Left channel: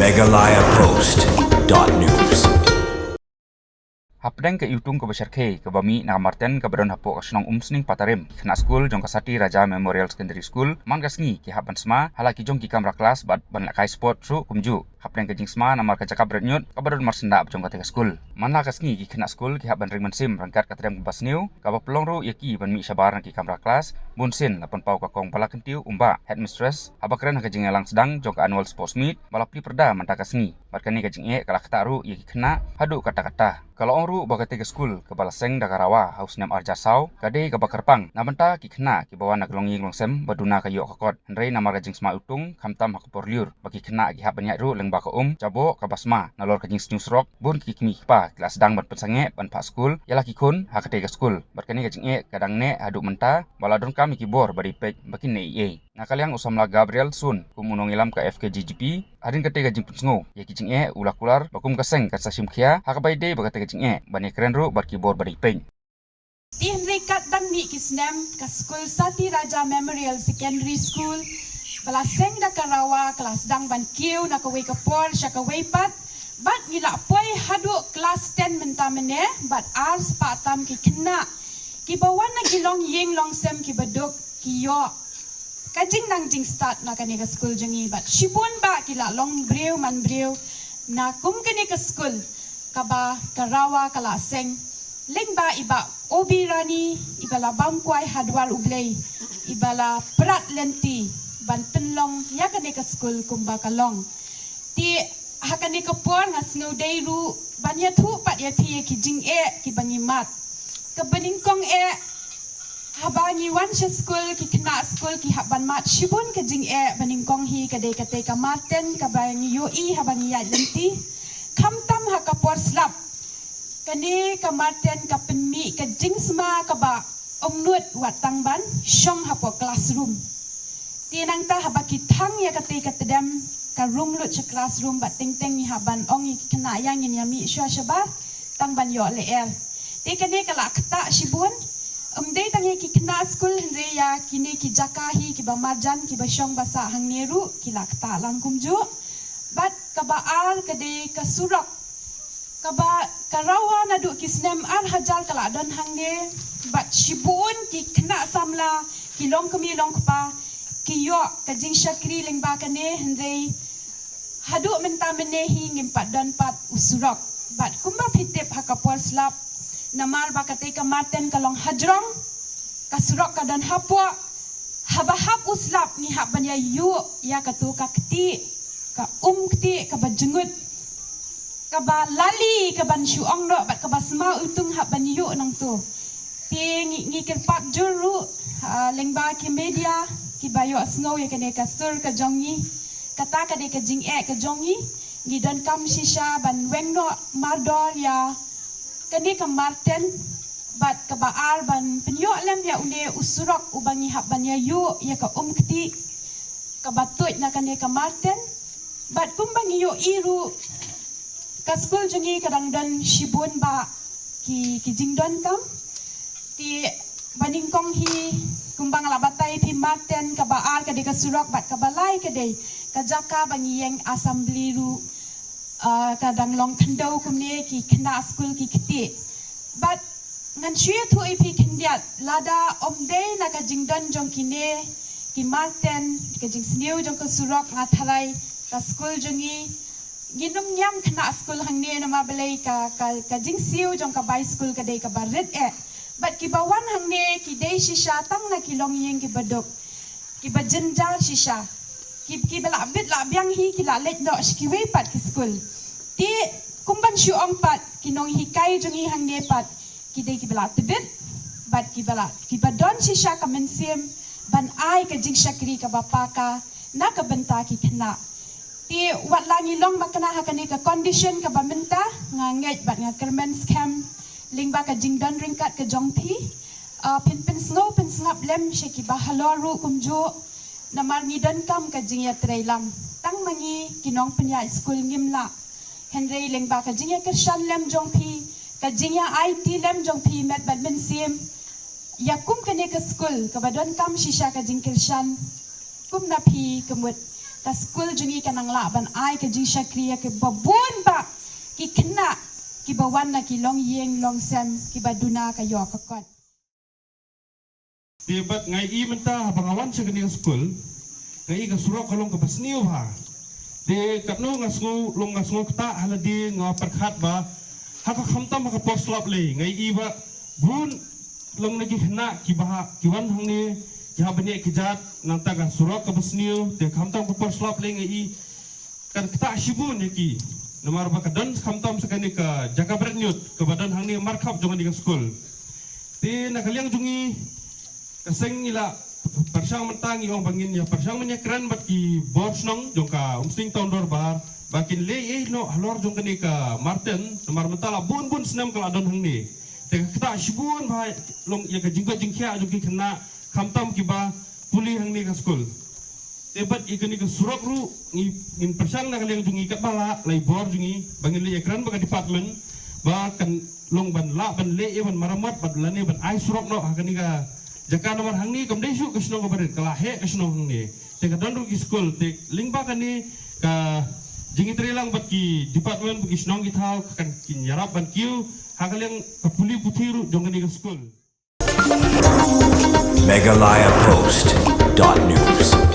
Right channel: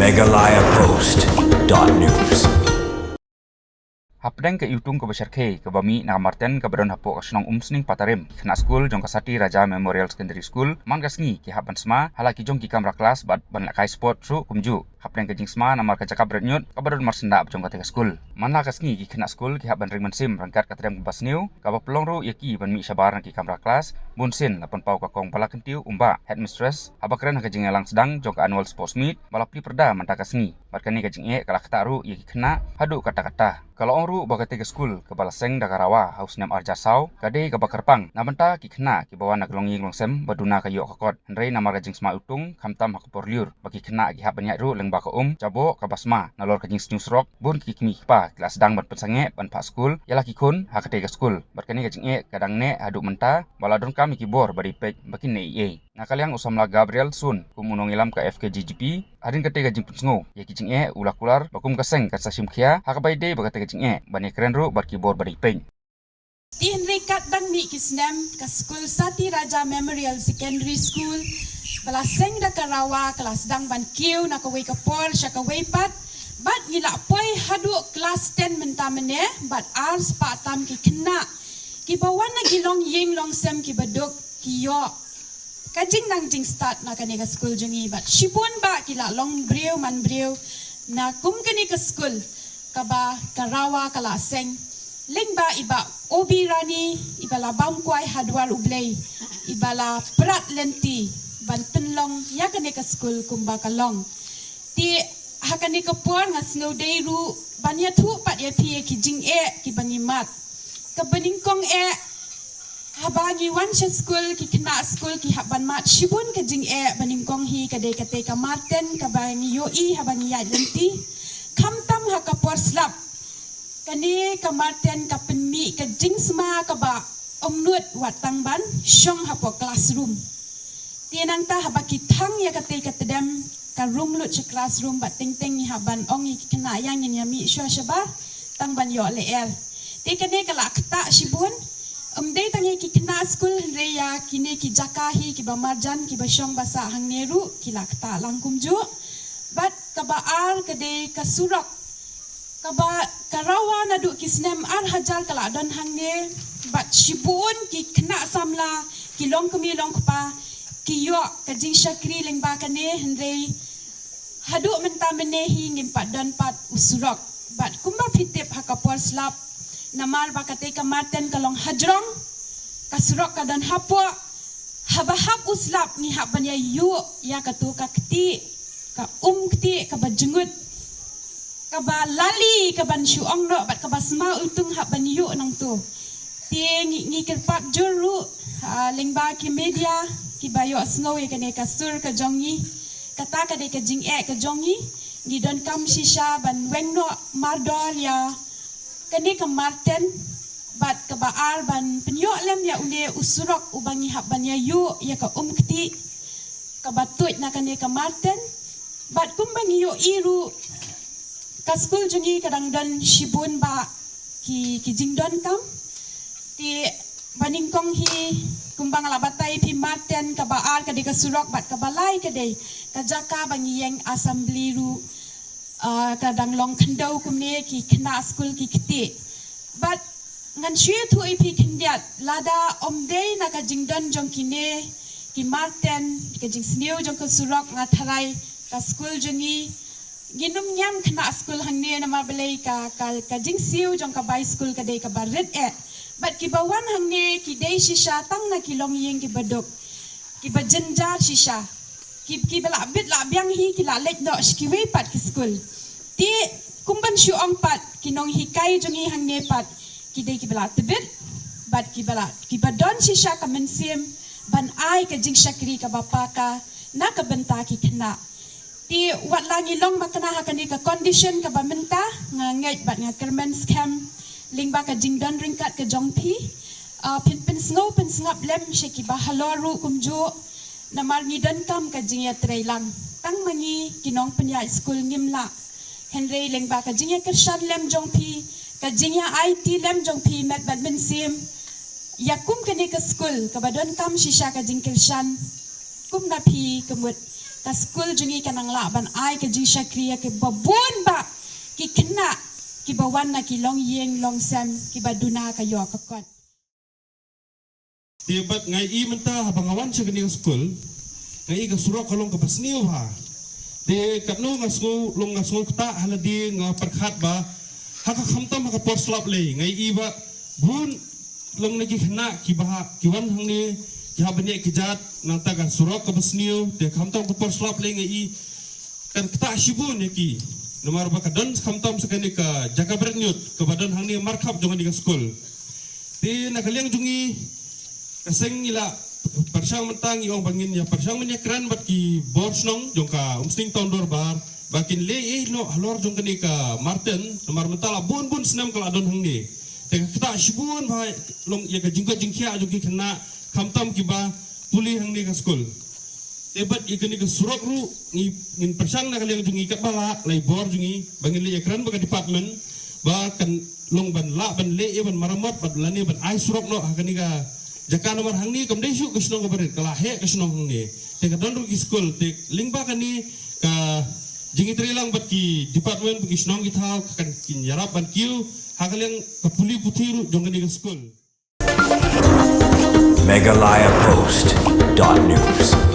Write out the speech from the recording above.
megalayapost.news. Hapdeng ke Yutung ke Besar K ke Bami na Marten ke Badon Hapo ke Senong Umsning Patarim kena school jong Kasati Raja Memorial Secondary School man gasngi ki hapan sma halaki jong ki kamra kelas bad ban lakai sport su kumju hapdeng ke jing sma na mar ka cakap retnyut ke Badon Marsenda jong ka school man la gasngi ki kena school ki hapan ring sim rangkat ka trem bas new ka ba pelong ru yaki ban mi sabar ki kamra kelas bun sin lapan pau ka kong pala kentiu umba headmistress habakren ka jing elang sedang jong ka annual sports meet balapli perda man ta gasngi barkani ka jing e kala kataru yaki kena hadu kata-kata kalau orang bagai ke school ke Balaseng Dagarawa haus nem Arjasau kade ke Bakarpang nabenta ki kena ki bawa nak longi longsem baduna ka yok kakot henrei namar ka jing sma utung kamtam hak porliur bagi kena ki hak banyak ru leng ba ka jabo ka basma nalor ka jing news rock bun ki kimi pa kelas sedang ban pensange ban pak school yala ki kun hak ke school barkani ka jing e kadang ne adu menta baladon kami ki bor bari pek bakin ne e nakaliang usamla Gabriel Sun kumunong ilam ka FKGGP adin kate ka jing pensengo ye ki jing e ulakular bakum kaseng ka sasim khia hak bai de bagate ka jing e bani keren ru barki bor bari peng Di Henry Kat dang mi kisnem ka School Sati Raja Memorial Secondary School Balaseng Dagarawa kelas dang ban kiu na kawai kapor sya kawai pat bat ngila poi hadu kelas 10 mentamene bat ars patam ki kena ki bawan na gilong ying long sem ki baduk ki yo kajing nang jing start na kani ka school jengi bat shibun ba kila long breu man breu na kum kani ka school kaba karawa kala seng lengba iba obi rani ibala bamkwai hadwar ublei ibala prat lenti banten long ya kani ka school kumba kalong ti hakani ka por nga snow day ru banya thu pat ya phi ki jing e ki bangi mat ka baning kong e habangi wan school ki kena school ki haban mat shibun ka jing e baning kong hi ka de kate ka marten ka bangi yo i habangi ya lenti kamtam ha ka por slap kani ka marten ka penmi ka jing sma ka ba omnut watang ban shong ha po classroom tienang ta haba ki thang ya kate ka tedam ka room lut cha classroom ba ting ting ni haban ong i kena yang yin yami shwa shaba tang ban yo le er te kani ka la kta shibun day tangi ki kena school henre ya kini ki jakahi ki ba marjan ki ba shong basa hang neru ki la kta langkum ju bat kaba ar kade kasurok kaba karawa nadu kisnem ar hajar kala don hangne bat shibun ki kena samla ki long kumi long kpa ki yo kajing shakri lengba kane henre hadu menta menehi ngimpat don pat usurok bat kumba fitip hakapor slap namar bakate ka marten kalong hajrong kasurok ka dan hapwa habahap uslap ni hak banya yu ya katu ka kti ka kti ka bajengut ka ba lali ka ban shuong ro bat ka basma utung hak ban yu nang tu ti ngi kirpat juru lengba ki media ki bayo snow ya kane ka sur ka jongi kata ka de ka jing e ka jongi ngi don kam shisha ban wengno mardor ya kani ka marten bat ka baar ban penyo lem ya unde usurok ubangi hak ban ya yu ya ka kti ka batut na kani ka marten bat kumbangi yo iru ka school jungi kadang don shibun ba ki jingdon kam ti baning kong hi kumbang la batai pi marten ka baar ka de ka surok bat ka balai ka de ka jaka bangi yang assembly ru kadang long kendau kumne ki kena school ki kiti but ngan shue tu ipi kendiat lada omde na ka jingdon jong kine ki marten ka jing sniu jong ka surok ngatharai ka school jongi ginum nyam kena school hangne na mabalai ka jing siu jong ka bai school ka dei ka barit e but ki bawan hangne ki dei shisha tang na ki long yeng ki badok ki bajenjar shisha ki bela bit la biang hi ki la lek do shkiwe pat ki school ti kumban shu pat ki nong hi kai jongi hangne pat ki dei ki bela tebit bat ki bela ki badon shisha ka mensim ban ai ka jing shakri ka bapa ka na ka benta ki kena ti wat langi long makana hakane ka condition ka bamenta nga ngai bat nga kermen scam lingba ka jing don ringkat ka jongpi pin sngo pin snap lem sheki ba haloru kumjo namar ni dan kam ka jing ya trailang tang mangi kinong penya school ngimla henry lengba ka jing ya kershan lem jongpi ka jing ya IT lem jongpi met badmen sim yakum kane ka school ka badon kam shisha ka jing kershan kum na pi kemut ka school jungi kanang laban ai ka jing syakriya ke babun ba ki kena ki bawan na ki long yeng long sem ki baduna ka yo kakot. Tibat ngai I menta habangawan siya kani school, ngai ka surok kalong kapasniw ha. Di katno nga school long nga school ta haladi nga perkhat ba haka khamtam haka porslap le ngai I ba bun long nagi khna ki baha kiwan hangni ki habani ki jat nang ta ga surok kapasniw de khamtam ko porslap le ngai I kan kta shibun ki nomor ba kadan khamtam sakani ka jaka bernyut ke badan hangni markhap jongan di school. Di nakaliang jungi kaseng nila persang mentang iong bangin ya persang menyekran bat ki borsnong jongka umsting tahun dorbar bakin le no halor jongka ni ka Martin nomor mentala bun senam kala don hangni te kita shibun ba long ya ka jingka jingkia jongki kena khamtam ki ba puli hangni ka school te bat ikani ka surok ru ngin persang na kaliang jungi ka bala lai bor jungi bangin le ekran ba ka department ba kan long ban la ban le ban maramat bat lani ban ai surok no hakani ka jaka nomor hangni kamdai syuk kesnong kabarit kala he kesnong hangni te ka don ru school te lingba kani ka jingi trilang bat ki department bu kesnong ki thau kan kin yarap ban kiu hakaliang ka puli puthiru jongani ka school Meghalaya Post.news.